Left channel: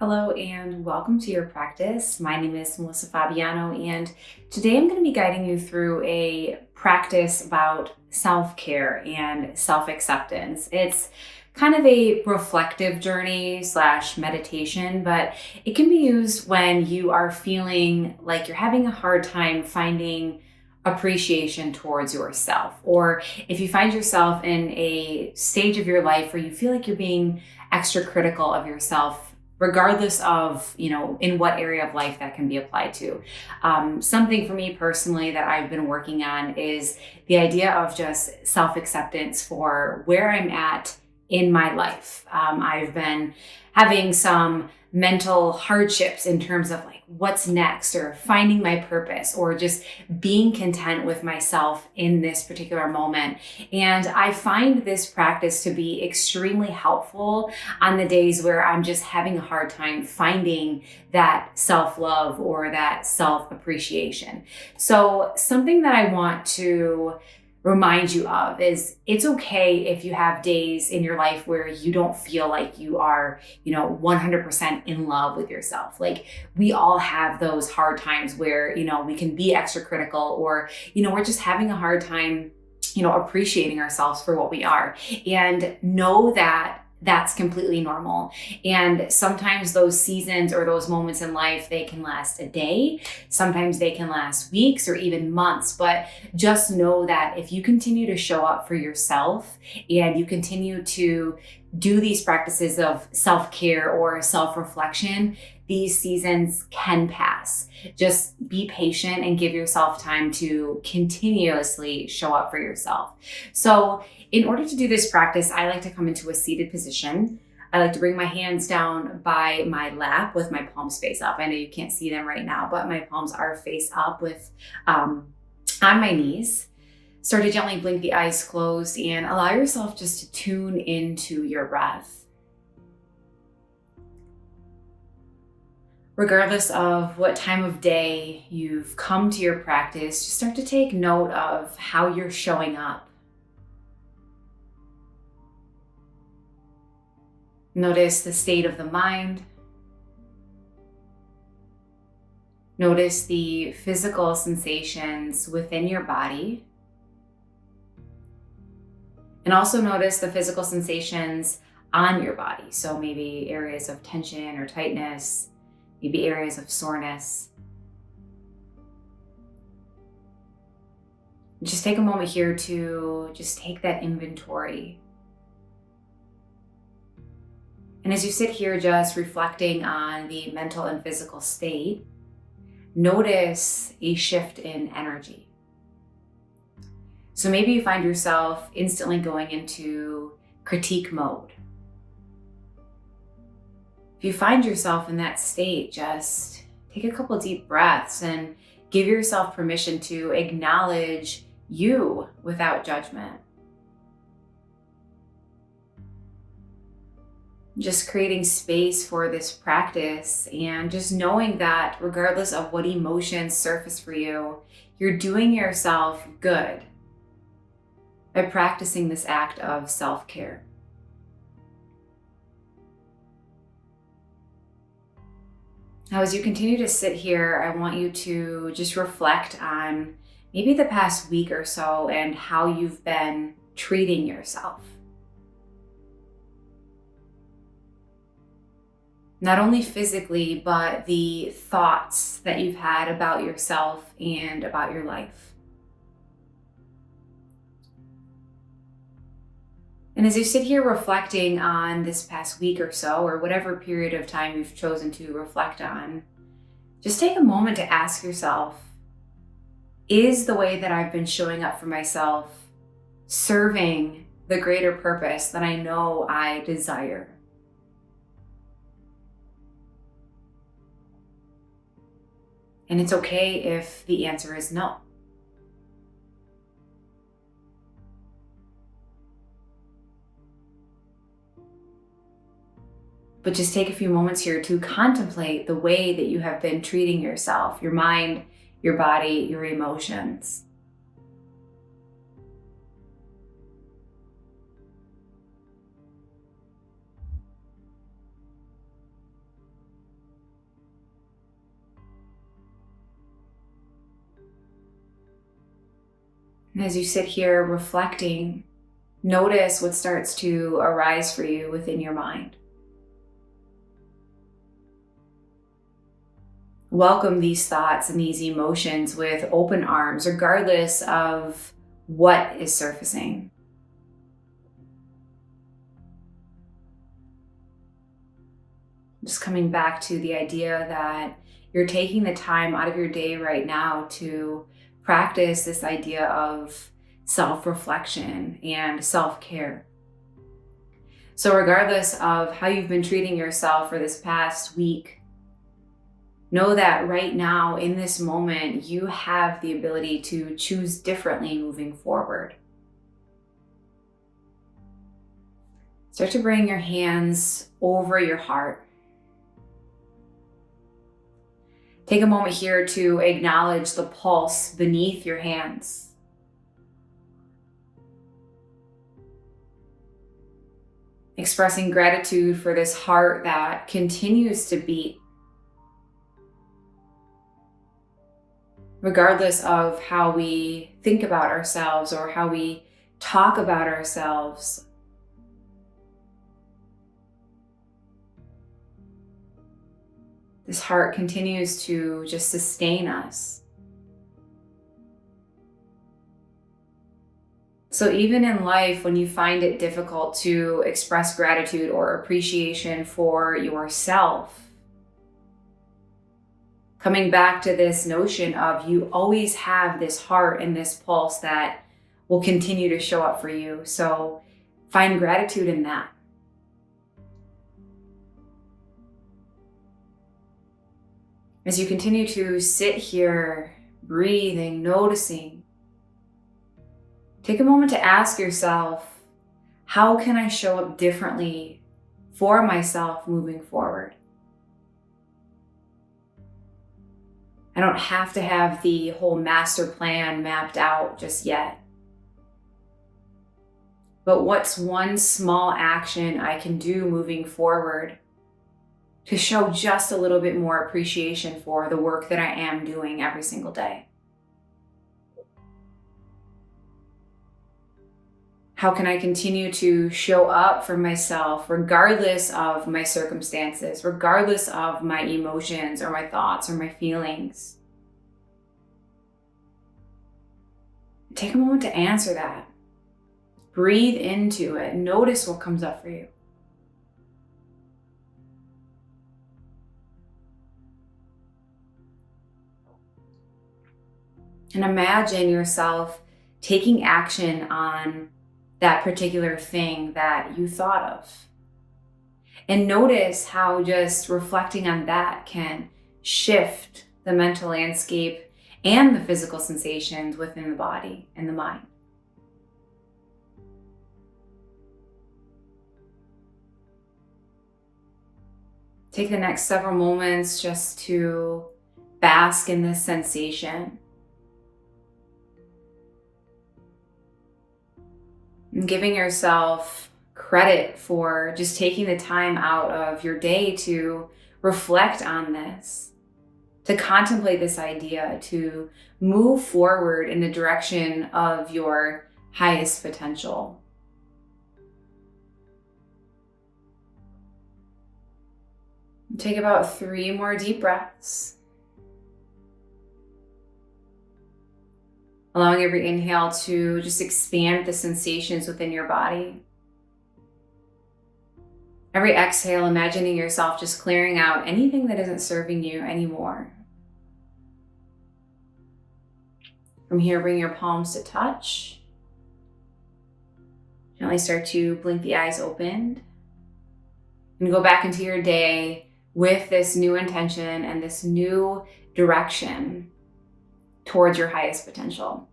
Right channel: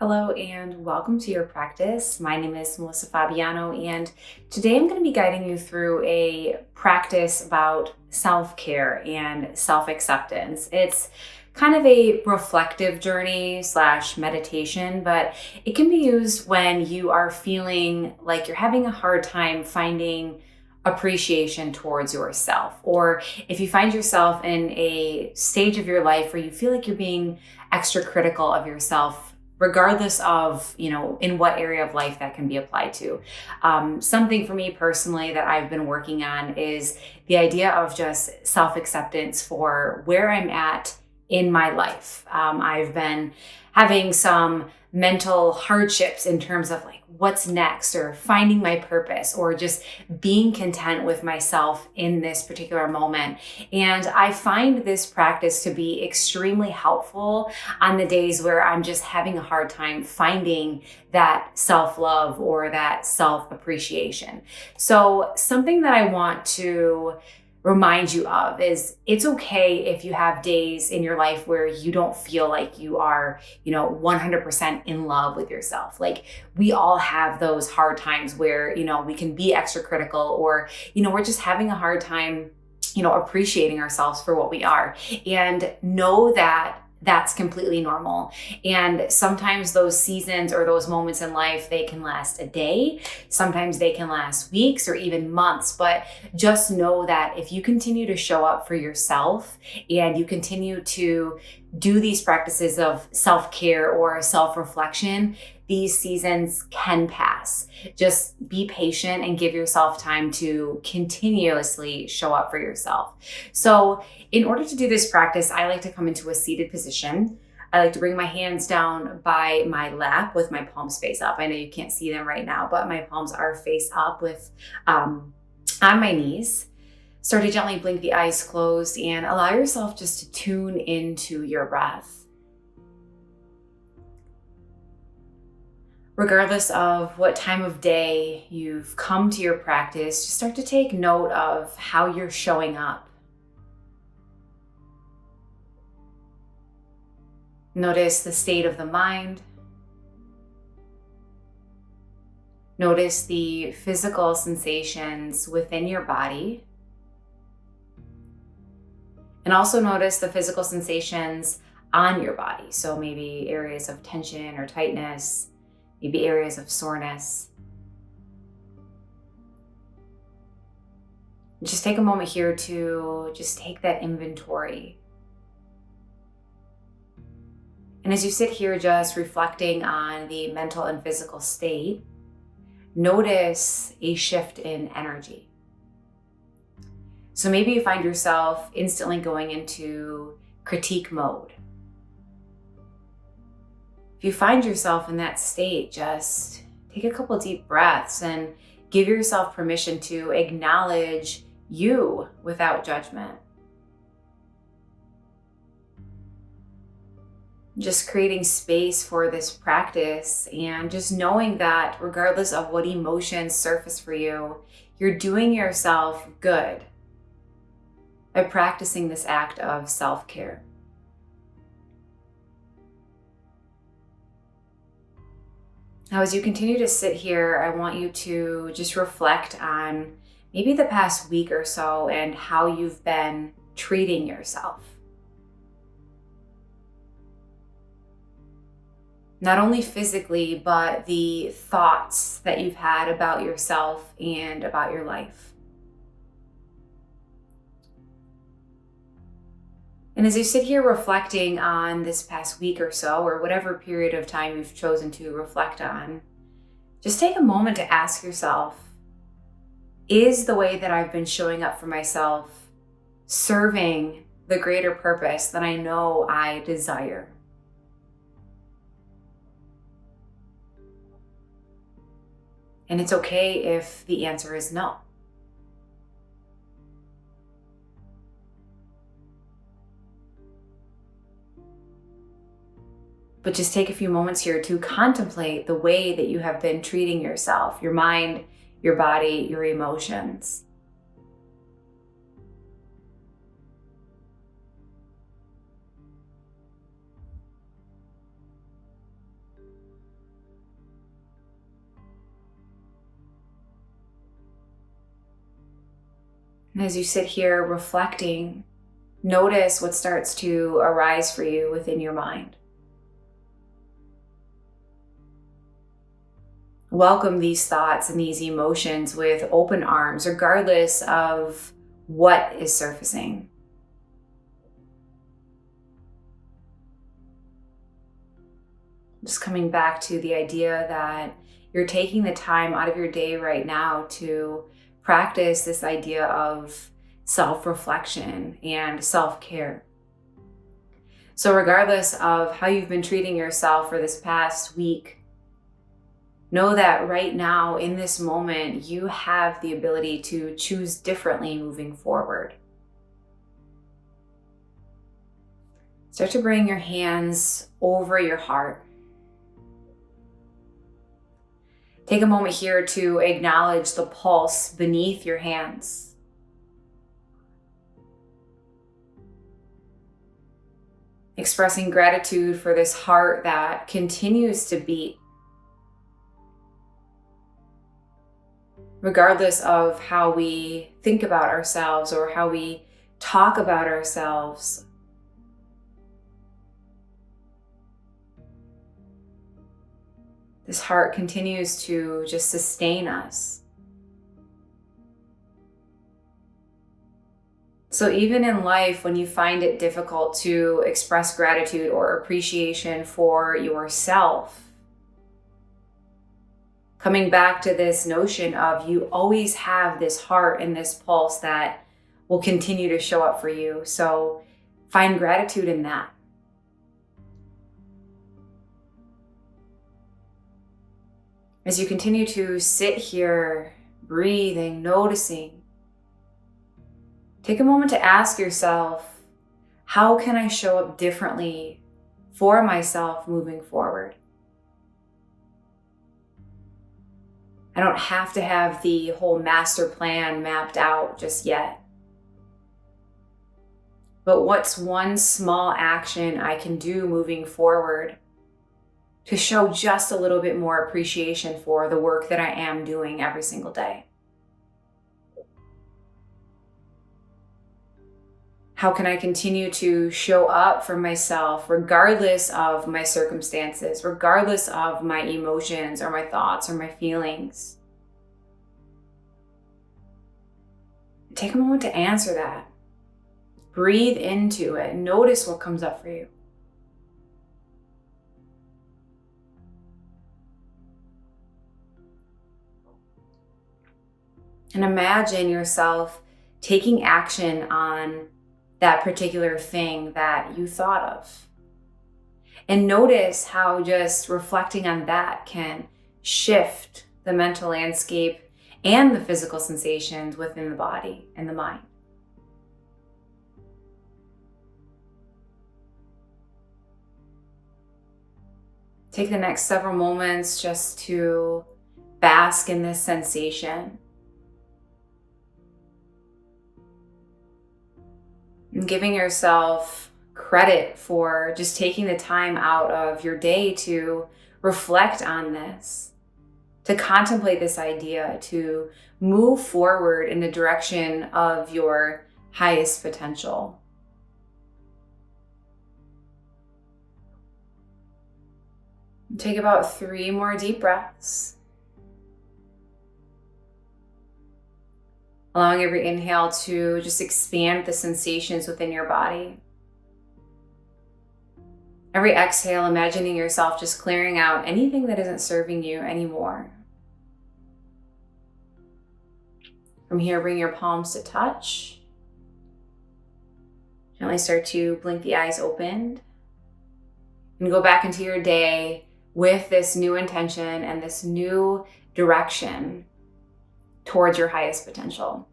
Hello and welcome to your practice. My name is Melissa Fabiano, and today I'm going to be guiding you through a practice about self-care and self-acceptance. It's kind of a reflective journey slash meditation, but it can be used when you are feeling like you're having a hard time finding appreciation towards yourself, or if you find yourself in a stage of your life where you feel like you're being extra critical of yourself, regardless of in what area of life that can be applied to. Something for me personally that I've been working on is the idea of just self-acceptance for where I'm at in my life. I've been having some mental hardships in terms of like what's next, or finding my purpose, or just being content with myself in this particular moment. And I find this practice to be extremely helpful on the days where I'm just having a hard time finding that self-love or that self-appreciation. So something that I want to remind you of is it's okay if you have days in your life where you don't feel like you are, 100% in love with yourself. Like, we all have those hard times where, we can be extra critical, or, we're just having a hard time, appreciating ourselves for what we are. And know that that's completely normal. And sometimes those seasons or those moments in life, they can last a day. Sometimes they can last weeks or even months. But just know that if you continue to show up for yourself and you continue to do these practices of self-care or self-reflection, these seasons can pass. Just be patient and give yourself time to continuously show up for yourself. So in order to do this practice, I like to come into a seated position. I like to bring my hands down by my lap with my palms face up. I know you can't see them right now, but my palms are face up with on my knees. Start to gently blink the eyes closed and allow yourself just to tune into your breath. Regardless of what time of day you've come to your practice, just start to take note of how you're showing up. Notice the state of the mind. Notice the physical sensations within your body. And also notice the physical sensations on your body. So maybe areas of tension or tightness, maybe areas of soreness. Just take a moment here to just take that inventory. And as you sit here just reflecting on the mental and physical state, notice a shift in energy. So maybe you find yourself instantly going into critique mode. If you find yourself in that state, just take a couple deep breaths and give yourself permission to acknowledge you without judgment. Just creating space for this practice and just knowing that regardless of what emotions surface for you, you're doing yourself good by practicing this act of self-care. Now, as you continue to sit here, I want you to just reflect on maybe the past week or so and how you've been treating yourself. Not only physically, but the thoughts that you've had about yourself and about your life. And as you sit here reflecting on this past week or so, or whatever period of time you've chosen to reflect on, just take a moment to ask yourself, is the way that I've been showing up for myself serving the greater purpose that I know I desire? And it's okay if the answer is no. But just take a few moments here to contemplate the way that you have been treating yourself, your mind, your body, your emotions. And as you sit here reflecting, notice what starts to arise for you within your mind. Welcome these thoughts and these emotions with open arms, regardless of what is surfacing. Just coming back to the idea that you're taking the time out of your day right now to practice this idea of self-reflection and self-care. So regardless of how you've been treating yourself for this past week, know that right now in this moment, you have the ability to choose differently moving forward. Start to bring your hands over your heart. Take a moment here to acknowledge the pulse beneath your hands. Expressing gratitude for this heart that continues to beat, regardless of how we think about ourselves or how we talk about ourselves. This heart continues to just sustain us. So even in life, when you find it difficult to express gratitude or appreciation for yourself, coming back to this notion of you always have this heart and this pulse that will continue to show up for you. So find gratitude in that. As you continue to sit here, breathing, noticing, take a moment to ask yourself, how can I show up differently for myself moving forward? I don't have to have the whole master plan mapped out just yet. But what's one small action I can do moving forward to show just a little bit more appreciation for the work that I am doing every single day? How can I continue to show up for myself regardless of my circumstances, regardless of my emotions or my thoughts or my feelings? Take a moment to answer that. Breathe into it. Notice what comes up for you. And imagine yourself taking action on that particular thing that you thought of. And notice how just reflecting on that can shift the mental landscape and the physical sensations within the body and the mind. Take the next several moments just to bask in this sensation. And giving yourself credit for just taking the time out of your day to reflect on this, to contemplate this idea, to move forward in the direction of your highest potential. Take about 3 more deep breaths. Allowing every inhale to just expand the sensations within your body. Every exhale, imagining yourself just clearing out anything that isn't serving you anymore. From here, bring your palms to touch. Gently start to blink the eyes open. And go back into your day with this new intention and this new direction towards your highest potential.